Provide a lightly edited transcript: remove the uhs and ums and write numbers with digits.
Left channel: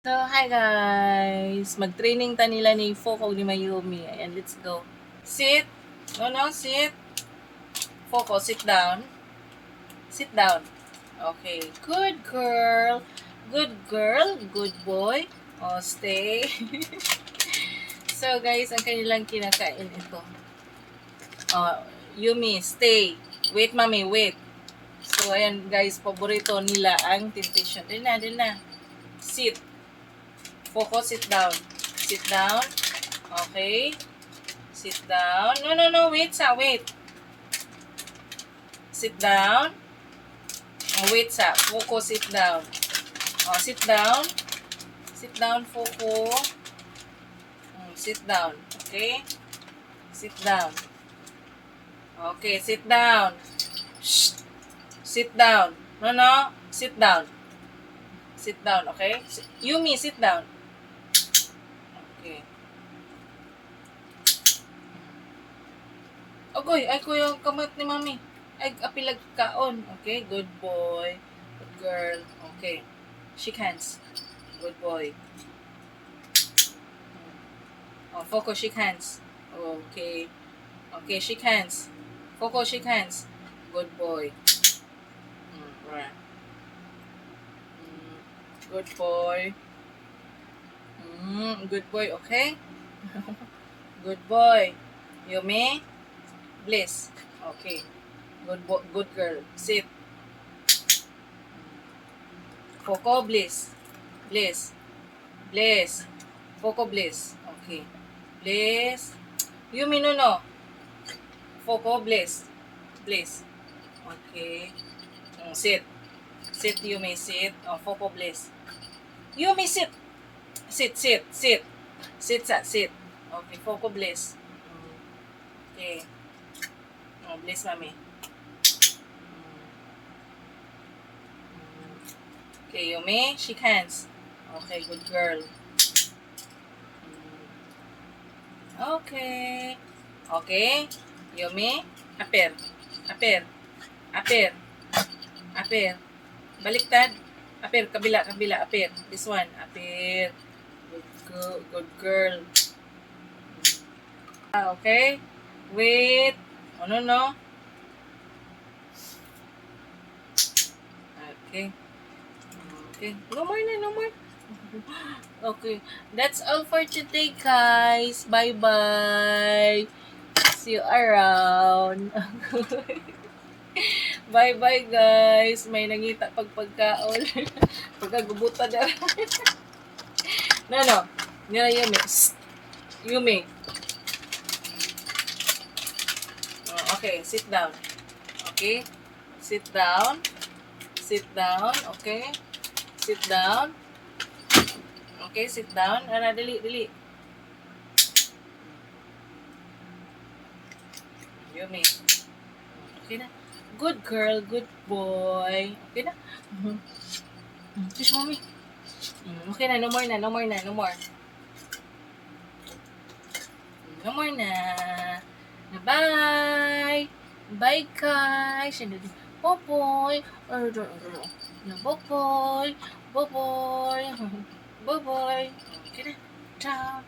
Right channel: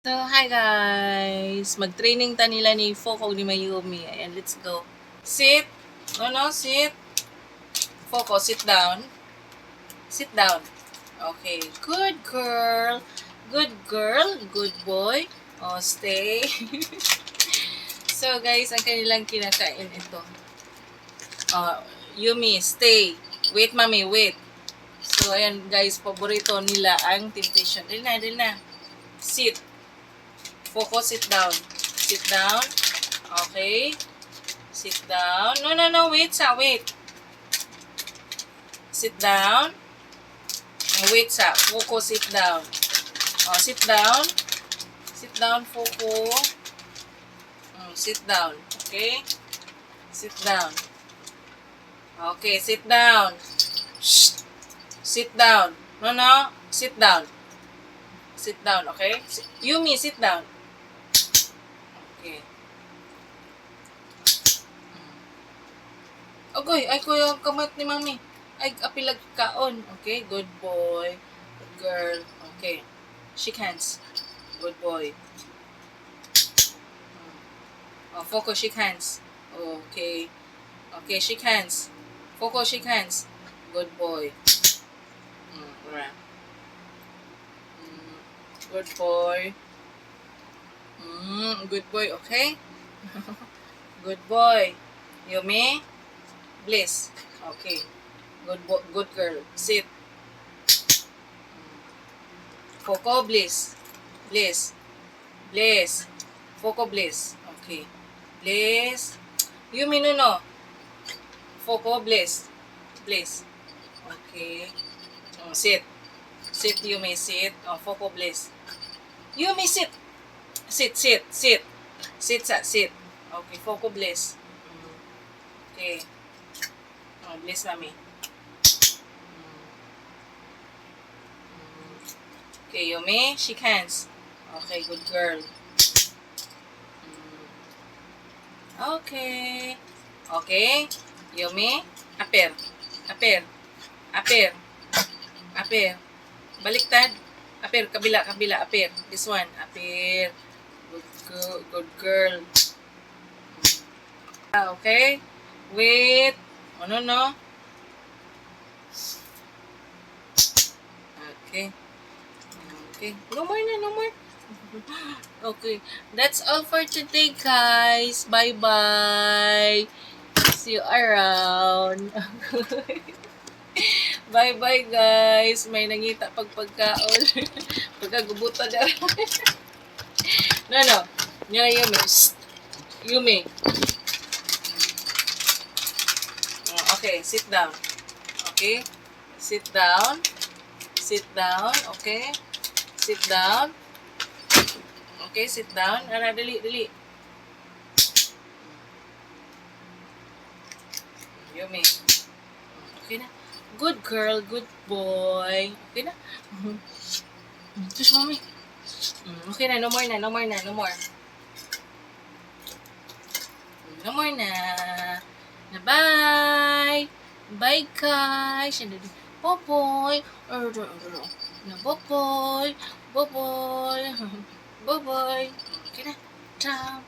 So, hi guys! Mag-training ta nila ni Foko ni Mayumi. Ayan, let's go. Sit! No, sit! Foko, sit down. Sit down. Okay. Good girl. Good girl. Good boy. Oh, stay. So, guys, ang kanilang kinakain ito. Oh, Yumi, stay. Wait, mami, wait. So, ayan, guys, paborito nila ang temptation. Dali na. Sit. Focus, sit down. Sit down. Okay. Sit down. No. Wait, wait. Sit down. Wait, Focus, sit down. Oh, sit down. Sit down, Focus. Sit down. Okay. Sit down. Okay, sit down. Shh. Sit down. No. Sit down. Sit down, okay? Yumi, sit down. Okay. Ogoy, ay ko yung kamot ni mami. Ay, apilag kaon. Okay, good boy. Good girl. Okay. Shake hands. Good boy. Oh, Focus, shake hands. Okay. Okay, shake hands. Focus, shake hands. Good boy. Right. Good boy. Good boy, okay? Good boy. Yumi? Bliss. Okay. Good girl. Sit. Foko, bliss. Bliss. Bliss. Foko, bliss. Okay. Bliss. Yumi, no. Foko, bliss. Bliss. Okay. Sit. Sit, Yumi, sit. Foko, bliss. Yumi, sit. Sit. Sit, sit. Okay, Foko, bliss. Okay. Bliss, mami. Okay, Yumi, shake hands. Okay, good girl. Okay. Okay. Yumi, aper. Baliktad. Aper, kabila. Aper. This one, aper. Good girl. Okay. Wait. No. Okay. No more. Okay. That's all for today, guys. Bye-bye. See you around. Bye-bye, guys. May nangita pagkaon. Pagkagubutan na. No. Yumi. Shh. Yumi. Okay, sit down. Okay? Sit down. Okay? Sit down. Okay, sit down. Dali. Yumi. Okay na. Good girl, good boy. Okay na. Shush, mommy. Okay na, no more na. No more na. Bye. Bye, guys. Boboy. Boboy. Okay na. Ciao.